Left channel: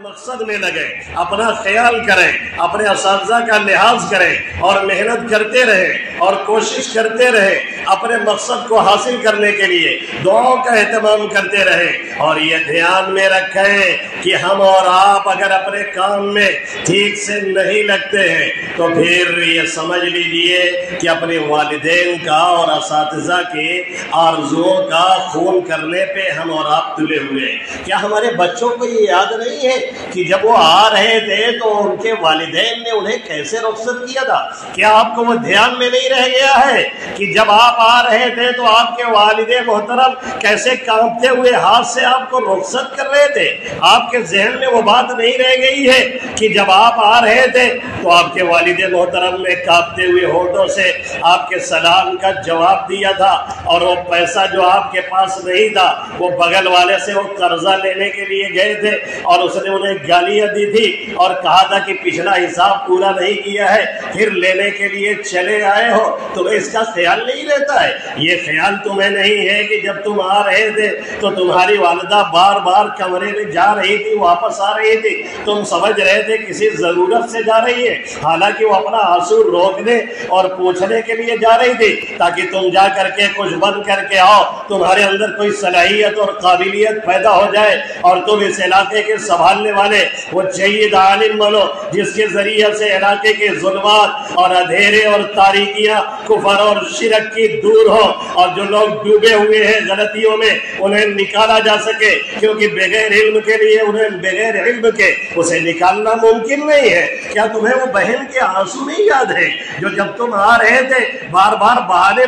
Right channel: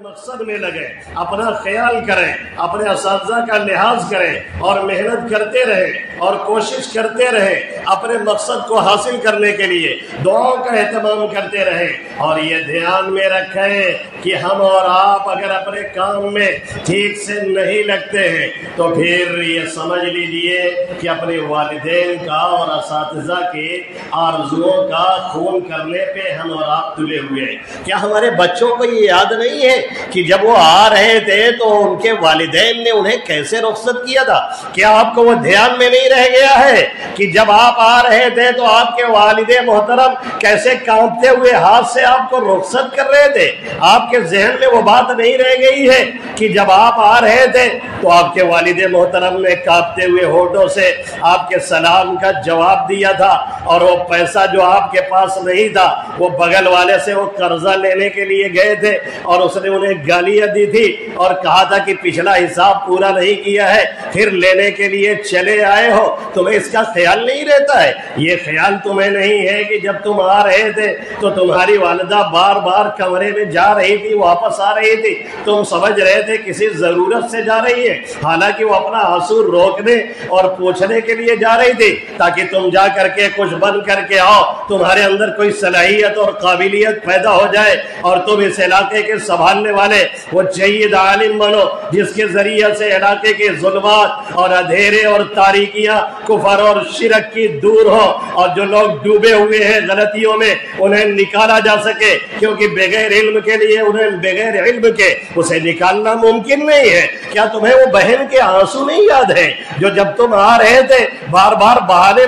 مقصد میں لگے، اپنا خیال کریں، اپنے اساتذہ کا لحاظ کریں اور محنت کرتے رہیں اور کوشش کرتے رہیں اپنے مقصد کو حاصل کرنے کے لیے دعاؤں کا اہتمام کرتے رہیں۔ اور یہ دھیان میں رکھیں کہ ہم اور آپ اگر اپنے کام میں ٹھیک سے نہیں لگتے ہیں تو پھر یہ سمجھ لیجئے کہ اپنے والدین کا اور اساتذہ کے آرزوؤں کا خون کرنے پہ ہم اور آپ تلے ہوئے ہیں۔ کیا ہمارے بچوں کو یہ یاد نہیں ہے کہ جب وہ آ رہے تھے تو ان کے والدین نے انہیں کیسے رخصت کیا تھا؟ کیا آپ کو وہ دھیان میں نہیں رہ گیا ہے کہ جب آپ آ رہے تھے تو آپ کے والد محترم کیسے کانپتے ہوئے ہاتھ سے آپ کو رخصت کر رہے تھے؟ آپ کے ذہن میں وہ بات نہیں رہ گئی ہے کہ جب آپ آ رہے تھے تو آپ کے والد محترم نے کانپتے ہوئے ہونٹوں سے آپ کے سلام کا جواب دیا تھا، اور وہ پیسہ جو آپ کے پاس نہیں تھا وہ بغل والے سے وہ قرضہ لینے کے لیے گئے تھے اور اس نے انہیں گالیاں دی تھی اور کہا تھا کہ پچھلا حساب پورا نہیں کیا ہے، پھر لینے کے لیے چلے آئے ہو؟ تمہیں اس کا خیال نہیں رہتا ہے؟ یہ خیال تمہیں نہیں ہے کہ جب تم آ رہے تھے تو تمہاری والدہ بار بار کمرے میں جا رہی تھی، واپس آ رہی تھی، تم سمجھ رہے تھے کسی ضرورت سے جا رہی ہے، حالانکہ وہ اپنا آنسو روکنے اور پوچھنے کے لیے جا رہی تھی تاکہ تم جا کر کے کچھ بن کر کے آؤ، تمہارے اندر کوئی صلاحیت اور قابلیت پیدا ہو جائے اور تم اس علاقے کے سنبھالنے والے وہ جید عالم بنو جس کے ذریعے سے علاقے کے ظلمات اور اندھیرے اور تاریکیاں، کفر اور شرک کی دور ہو، اور جو لوگ ڈوبے ہوئے ہیں غلطیوں میں انہیں نکالا جا سکے، کیونکہ بغیر علم کے لیے انہیں بغیر علم کے اسے نکالنا ممکن نہیں ہے۔ کیا تمہیں وہ بہن کے آنسو نہیں یاد ہیں جو جب تم آ رہے تھے بار بار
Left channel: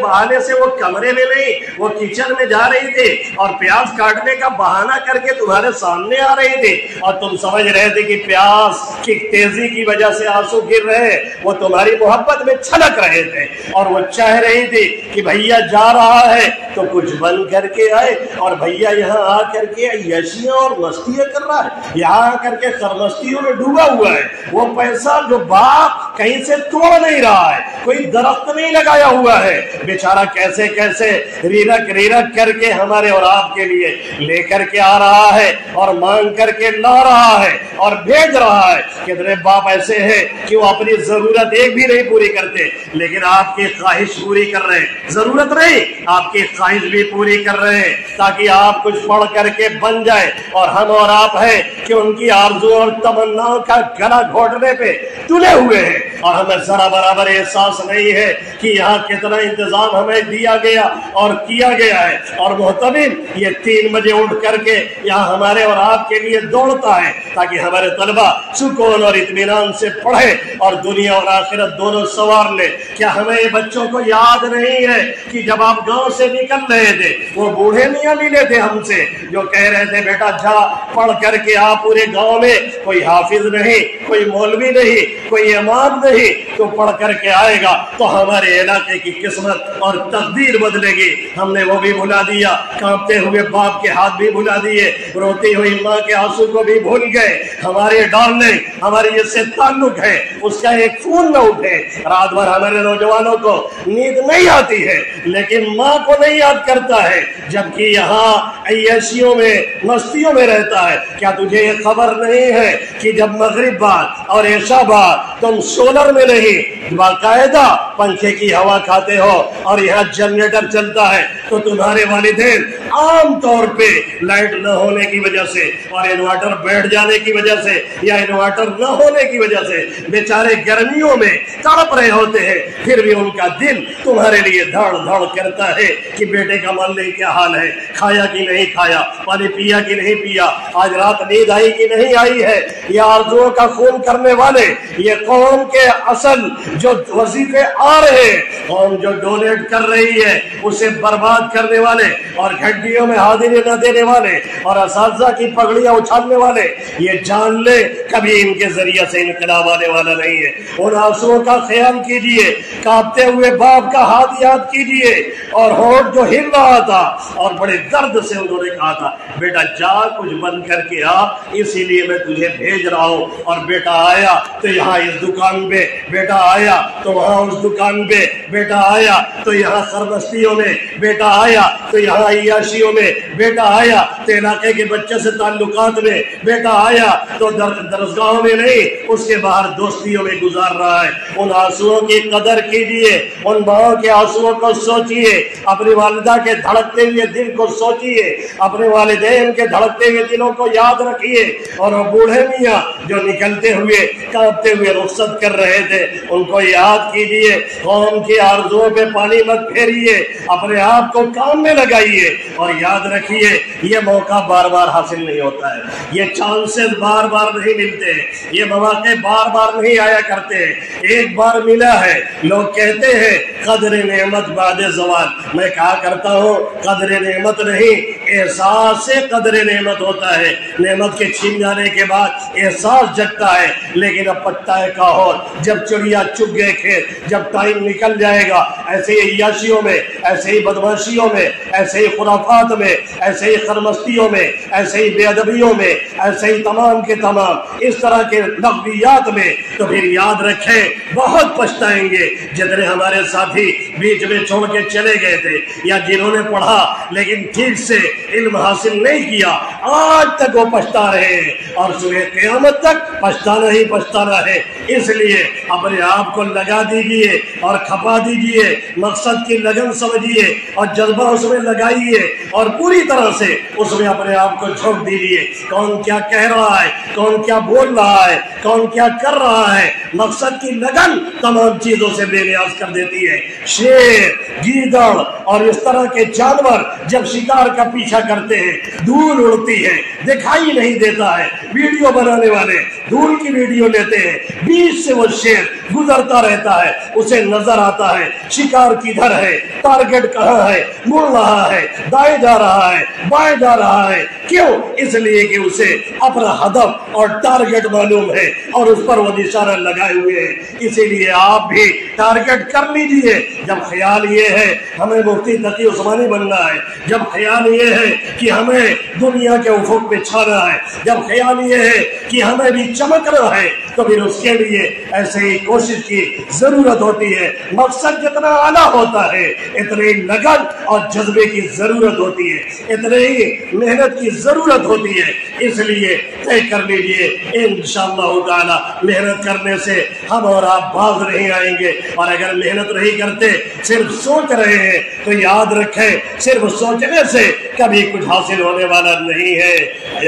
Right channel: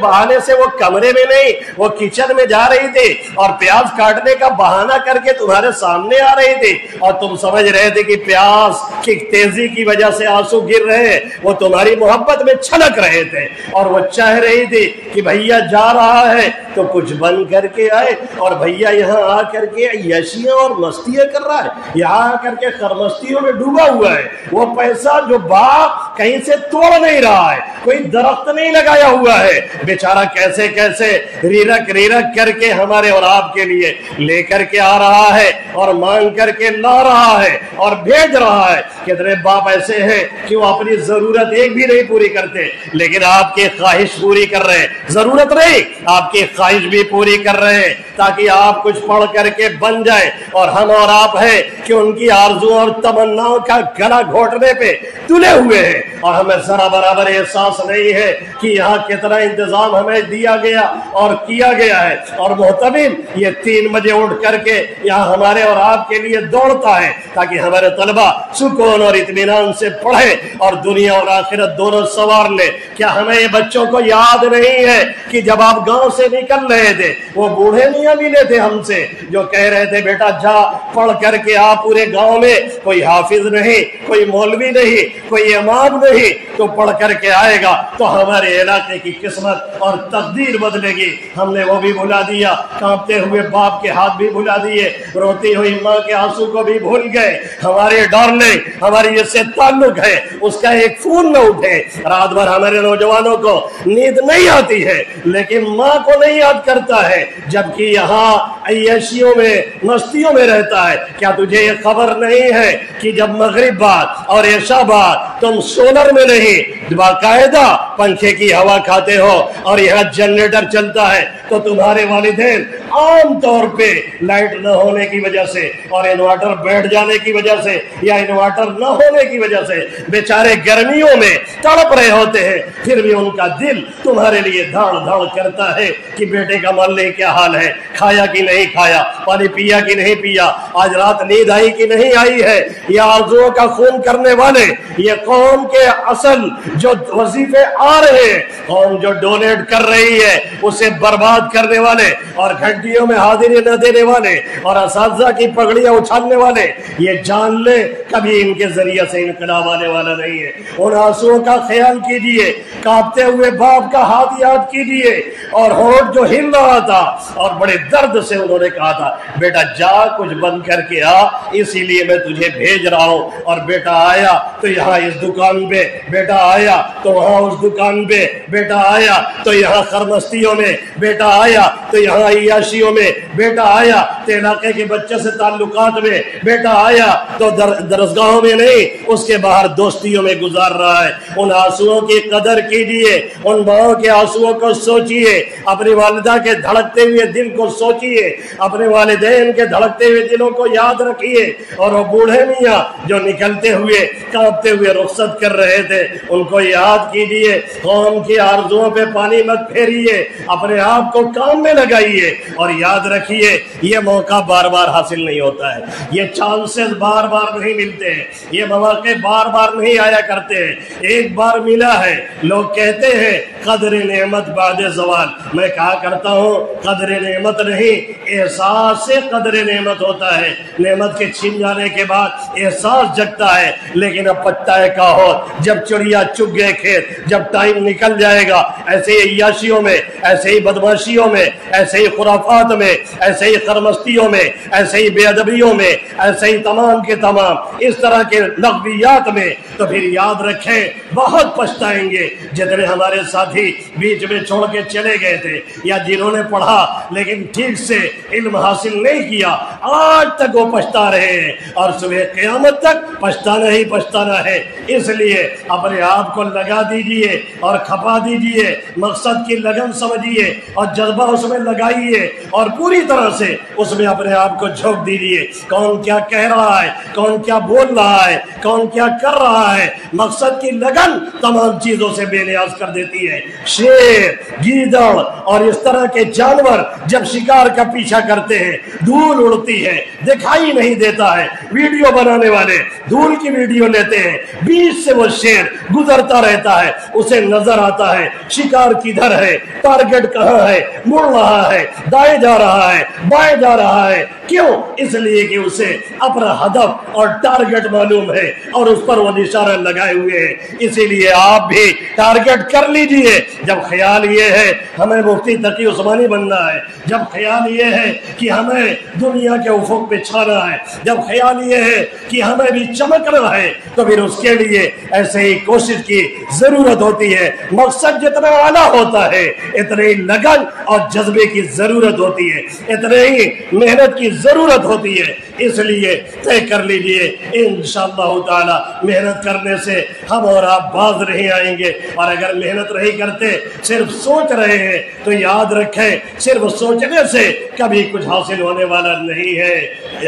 بہانے سے وہ کمرے میں نہیں وہ کچن میں جا رہی تھی اور پیاز کاٹنے کا بہانہ کر کے تمہارے سامنے آ رہی تھی اور تم سمجھ رہے تھے کہ پیاز کی تیزی کی وجہ سے آنسو گر رہے ہیں، وہ تمہاری محبت میں چھلک رہے تھے اور وہ چاہ رہی تھی کہ بھیا جا رہا ہے تو کچھ بن کر کے آئے، اور بھیا یہاں آ کر کے عیاشیاں اور مستیاں کر رہا ہے، یہاں آ کر کے خرمستیوں میں ڈوبا ہوا ہے، وہ پیسہ جو باپ کہیں سے توڑ نہیں رہا ہے، کوئی درخت نہیں لگایا ہوا ہے، بیچارہ کیسے کیسے ریرک کر کے ہمارے اور آپ کے لیے لے کر کے آ رہا ہے اور مانگ کر کے لا رہا ہے اور بھیج رہا ہے۔ کتنے باپ ایسے ہیں کہ وہ اپنی ضرورت ایک بھی نہیں پوری کرتے لیکن آپ کی خواہش پوری کر رہے ہیں، ضرورت نہیں آپ کی خواہش بھی پوری کر رہے ہیں تاکہ آپ کچھ پڑھ کر کے بن جائے، اور ہم اور آپ ہیں کہ ان کی آرزو اور تمناؤں کا گلا گھونٹنے پہ تلے ہوئے ہیں، اور ہمیں ذرا برابر احساس نہیں ہے کہ یہاں کتنا انتظام ہمیں دیا گیا اور کیا گیا ہے، اور محتمم یہ 3 بجے اٹھ کر کے یہاں ہمارے اور آپ کے لیے دوڑتا ہے تاکہ ہمارے طلبہ سکون اور اطمینان سے پڑھیں اور دنیا اور آخرت دونوں سنوار لے۔ کیا ہمیں یہ بچوں کو یاد نہیں ہے کہ جب آپ گاؤں سے نکل رہے تھے وہ بوڑھے میاں ملے تھے ہم سے جو کہہ رہے تھے بیٹا جا پڑھ کر کے آ، پورے گاؤں میں کوئی حافظ نہیں، کوئی مولوی نہیں، کوئی امام نہیں، تو پڑھ کر کے آئے گا تو ہمارے علاقے کی قسمت اور تقدیر بدلے گی۔ ہم نے وہ بھی بھلا دیا، کانپتے ہوئے باپ کے ہاتھ بھی بھلا دیے، روتی ہوئی ماں کے آنسو کو بھی بھول گئے۔ ہمارے ڈارلنگ ہماری جس سے تعلق ہے اس کا ایک فون نہ اٹھے۔ رات بھر ہمارے نوجوانوں کو نیند نہیں آتی ہے لیکن ماں کو نہیں یاد کرتا ہے، جبکہ یہاں عیاشیوں میں مستیوں میں رہتا ہے۔ کیا تجھے یہ خبر نہیں ہے کہ جب مغرب بعد اور عشاء بعد تم سولر میں نہیں باقاعدہ پنکھے کی ہوا کھاتے ہو اور یہاں جنریٹر چلتا ہے تو تمہارے والدین عام طور پہ لائٹ نہ ہونے کی وجہ سے اور انورٹر بیٹھ جانے کی وجہ سے یا انورٹر نہ ہونے کی وجہ سے بیچارے گرمیوں میں تڑپ رہے ہوتے ہیں، پھر بھی ان کا دل تمہارے لیے دھڑ دھڑ کرتا ہے کہ بیٹے کا معاملے کیا حال ہے، کھایا کہ نہیں کھایا، پانی پیا کہ نہیں پیا، آج رات نیند آئی کہ نہیں آئی ہے۔ یہ آرزوؤں کا خون کرنے والے، یہ قوم کے اصل جو وظیفے آ رہے ہیں، قوم جو ڈونیٹ کر رہی ہے اسے برباد کرنے والے اور گھنٹیوں میں حاضری نہ دینے والے اور اساتذہ کی پگڑیاں اچھالنے والے، یہ جان لے کبھی ان کے ذریعے سے انقلاب آنے والا نہیں ہے۔ ان آنسوؤں کا خیال کیجئے، کانپتے ہوئے باپ کا ہاتھ یاد کیجئے اور ہونٹ جو ہل رہا تھا اور بڑے درد سے انہوں نے کہا تھا بیٹا جا کچھ بند کر کے آ، اسی لیے میں تجھے بھیج رہا ہوں، اور بیٹا آیا تو یہاں اس दुकान पे बेटा आया तो वहाँ उस दुकान पे बेटा आया तो यहाँ खरमस्तियों में बेटा आया तो यहाँ अय्याशियों में बेटा आया तो इलाके के बच्चे से ताल्लुकात में बेटा आया तो दरसगाहों में नहीं, उसके बाहर दोस्तियों में गुजार रहा है। उन आंसुओं की कदर कीजिए, उन माओं के आंसुओं को सोचिए, अपनी वालिदा के धड़कते हुए दिल को सोचिए, अपने वालिदैन के धड़कते हुए दिलों को याद रखिए। और वो बूढ़े मियाँ जो निकलते हुए कांपते हुए रुखसत कर रहे थे उनको याद कीजिए। कौम की आरज़ुओं पे पानी मत फेरिए, अपने आप को काम में लगाइए और याद रखिए ये मौका बार बार हासिल नहीं होता है, ये चांसेस बार बार नहीं मिलते हैं, ये मौके बार बार नहीं आया करते हैं। एक बार मिला है, लोग कहते हैं कदर नेमत बाद ज़वाल। मैं कहा करता हूँ कदर नेमत नहीं, एहसास से कदर नेमत होता है। नेमत के छीन जाने के बाद एहसास जगता है, लेकिन अब पत्ता का हो, जब चिड़िया चुग गए खेत, जब टाइम निकल जाएगा। ऐसे ही अय्याशियों में, ऐसे ही बदमाशियों में, ऐसे ही खुराफात में, ऐसे ही खरमस्तियों में, ऐसे ही बेअदबियों में, ऐसे ही तमाम के तमाम इस तरह के लग़वियात में, तो फिर याद रखें बहुत पछताएंगे। जितने हमारे साथी बीच में छोड़ के चले गए थे या जिन्होंने पढ़ा लेकिन ठीक से इल्म हासिल नहीं किया, आज तक वो पछता रहे हैं और सुबह क़यामत तक पछताना ही पछताना है। इसलिए अपने आप को लगा दीजिए और खपा दीजिए, मकसद की लगन समझिए और जज्बा उसमें लगाइए और पूरी तरह से उसमें अपने आप को झोंक दीजिए। कौन क्या कह रहा है, कौन क्या बोल रहा है, कौन क्या कर रहा है, मकसद की लगन तमाम चीजों से बेनियाज कर देती है। शेर, गीदड़ और इस तरह के जानवर जब शिकार का पीछा करते हैं, धूल उड़ती है, दिखाई नहीं देता है, वीडियो बनाने वाले धूल की वीडियो लेते हैं, बीच से वो शेर गुजरता रहता है, उसे नजर आता है शिकार किधर है, टारगेट कहाँ है, मुड़ रहा है, दाएं जा रहा है, बाएं जा रहा है। क्यों? इसलिए कि उसे अपना हदफ और टारगेट मालूम है और उस पर वो निशाना लगाए हुए है। इसीलिए आप भी टारगेट कर लीजिए। जब ख्याल ये है हमें मुफ्ती तकी उस्मानी बनना है, जब ख्याल ये है कि हमें दुनिया के उफुक पे छाना है, जब ख्याल ये है कि हमें भी चमकना है, तो फिर उसके लिए ऐसे ही कोशिश की जरूरत होती है। मकसद जितना आला होता है इतने ही लगन और जज्बे की जरूरत होती है, इतने ही मेहनत की जरूरत होती है। इसलिए तय कर लीजिए इंशाअल्लाह ताला मेहनत करने से हम और आप बाज नहीं आएंगे। और अगर मेहनत नहीं करते, सिर्फ सोच रहे हैं, तो याद रखें सिर्फ सोचने से कभी कुछ हासिल होने वाला नहीं है।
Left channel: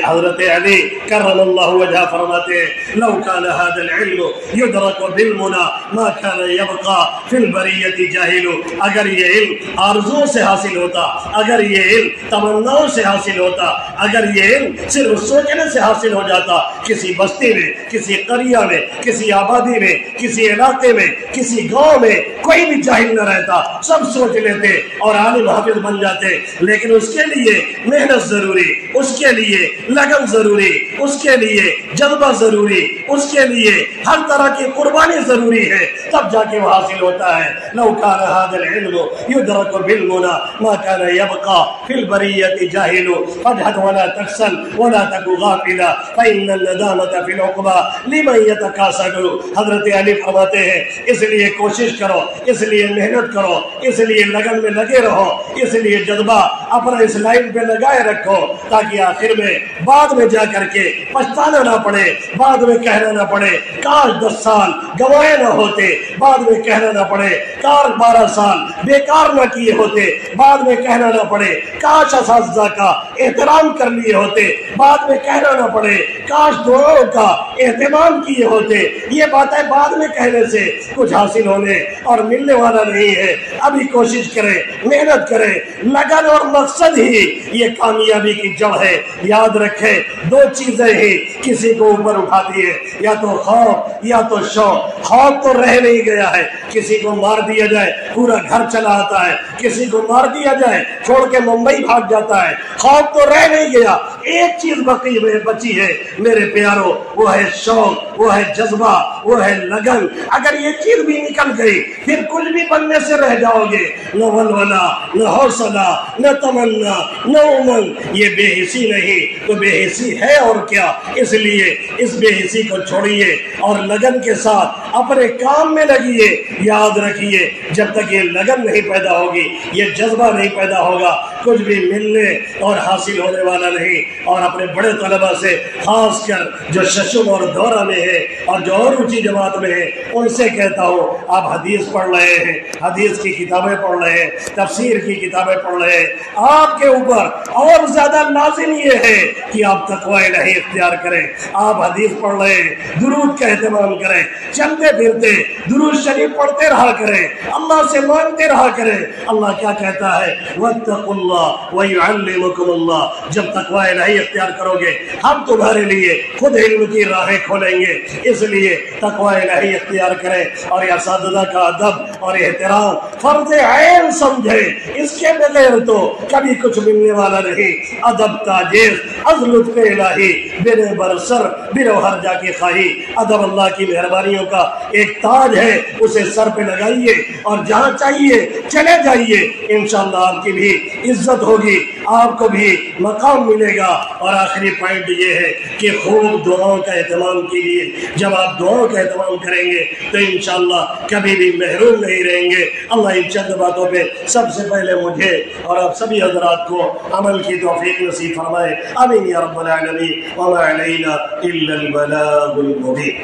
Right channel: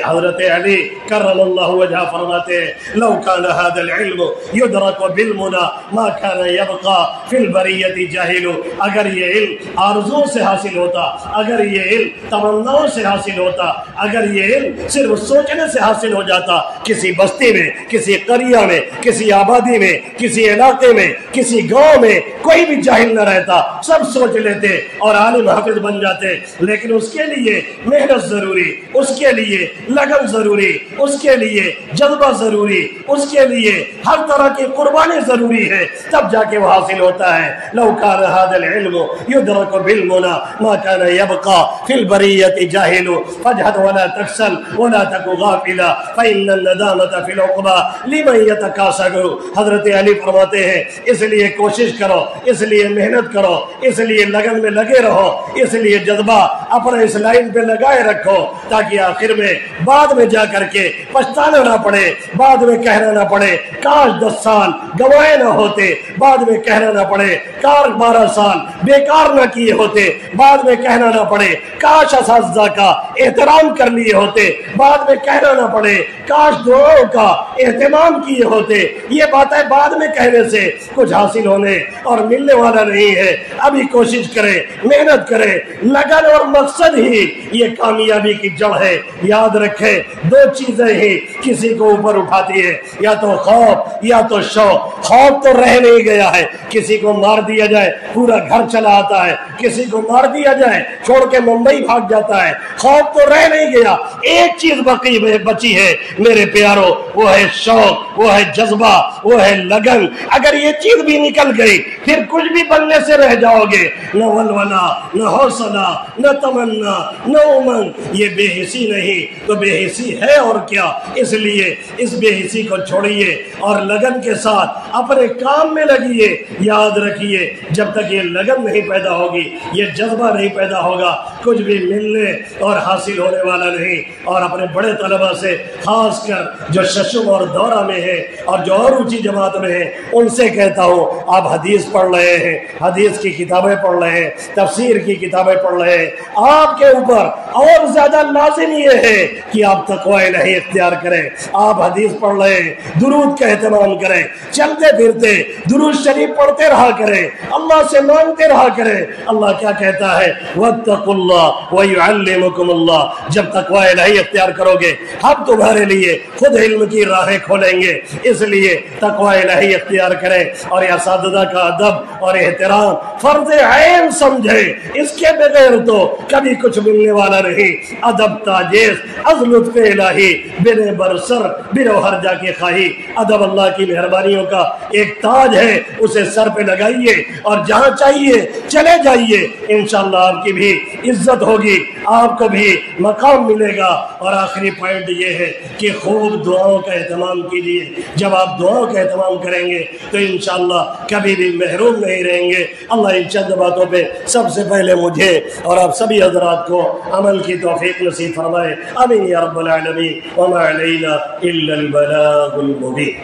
हज़रत अली करमल्लाहु वजह फरमाते हैं लौ कान हादल इल्म युदरक बिलमुना मा कान यबका फिल बरियति जाहिलु। अगर ये इल्म आरज़ुओं से हासिल होता, अगर ये इल्म तमन्नाओं से हासिल होता, अगर ये इल्म सिर्फ सोचने से हासिल हो जाता, किसी बस्ती में, किसी करिया में, किसी आबादी में, किसी इलाके में, किसी गांव में कोई भी जाहिल न रहता, सब सोच लेते और आलिम हाफिज बन जाते। लेकिन उसके लिए मेहनत जरूरी, उसके लिए लगन जरूरी, उसके लिए जज्बा जरूरी, उसके लिए हर तरह की कुर्बानी जरूरी है, तब जाके वो हासिल होता है। लौ कान हादल इल्मु युदरकु बिलमुना मा कान यबका फिल बरियति जाहिलु फजहद वला तकसल वला तकु गाफिला फइन्नन नदामता फिल उक़बा लिमन यतकासदु। हज़रत अली फरमाते हैं इसलिए कोशिश करो, इसलिए मेहनत करो, इसलिए लगन में लगे रहो, इसलिए जज्बा अपना इस लाइन पे लगाए रखो, ताकि आखिर में बाद में जा करके पछताना ना पड़े, बाद में कहना ना पड़े काश 10 साल गवाए ना होते, बाद में कहना ना पड़े काश 12 साल बेकार ना किए होते, बाद में कहना ना पड़े काश असातिज़ा का एहतराम कर लिए होते, बाद में कहना ना पड़े काश दुआओं का एहतमाम किए होते। ये बातें बाद में कहने से कुछ हासिल होने और मिलने वाला नहीं है। अभी कोशिश करें, मेहनत करें, लगन और मकसद ही ये कामयाबी की जड़ है। याद रखें 2 चीजें ही किसी को ऊपर उठाती है, या तो खौफ या तो शौक। खौफ तो रह नहीं गया है, किसी को मार दिया जाए पूरा घर चला आता है, किसी को मार दिया जाए छोड़ के मुंबई भाग जाता है। खौफ तो रह नहीं गया, एक चीज बाकी में बची है मेरे प्यारो, वो है शौक, वो है जज्बा, वो है लगन। अगर ये चीज भी निकल गई फिर कुछ भी बनने से रह जाओगे। न वलवला, न हौसला, न तमन्ना, नौमन, ये बेहिसी नहीं तो बेहिसी है और क्या। इसलिए इस बेहिसी को छोड़िए और लगन के साथ अपने काम में लगिए। याद रखिए, जब तक ये लगन नहीं पैदा होगी, ये जज्बा नहीं पैदा होगा, कुछ भी मिलने और हासिल होने वाला नहीं। और अपने बड़े तलबा से, खासकर जो शशुम और दौरा में है और जो और ऊंची जमात में है, उनसे कहता हूँ, आप हदीस पढ़ रहे हैं, हदीस की किताबें पढ़ रहे हैं, तफसीर की किताबें पढ़ रहे हैं, आपके ऊपर और ज्यादा लाजिम ये है कि आप तकवा इलाही इख्तियार करें। आप हदीस पढ़ रहे हैं, दुरूद का एहतमाम करें, चलते फिरते दुरूद शरीफ पढ़ते रहा करें, अल्लाह से मांगते रहा करें। अल्लाह क्या कहता है, वत्तकुल्लाह व युअल्लिमुकुमुल्लाह। जब तकवा इलाही इख्तियार करोगे, हम तुम्हारे लिए खुद इल्म की राहें खोलेंगे। इसलिए तकवा इलाही इख्तियार करें और असातिज़ा का अदब और एहतराम फर्ज़ ऐन समझे। इसके बगैर तो कभी कुछ मिलने वाला नहीं। अदब ताजेज़ अज़ लुत्फ़ इलाही बिन बरसर बिन हर्जा के खाही। अदब अल्लाह की मेहरबानियों का एक ताज है, उसे सर पे लगाइए और जहाँ चाहिए चले जाइए। इंशाअल्लाह आपकी भी इज्जत होगी, आपको भी मकाम मिलेगा। और आखिरी पॉइंट ये है कि खूब दुआओं का एहतमाम कीजिए। जब आप दुआओं का एहतमाम करेंगे तो इंशाअल्लाह कभी भी महरूम नहीं रहेंगे। अल्लाह इन चंद बातों पे सबसे पहले मुझे और आप सभी हज़रात को अमल की तौफीक नसीब फरमाए। आमीन या रब्बल आलमीन। व मा अलैना इल्लल बलागुल मुबीन।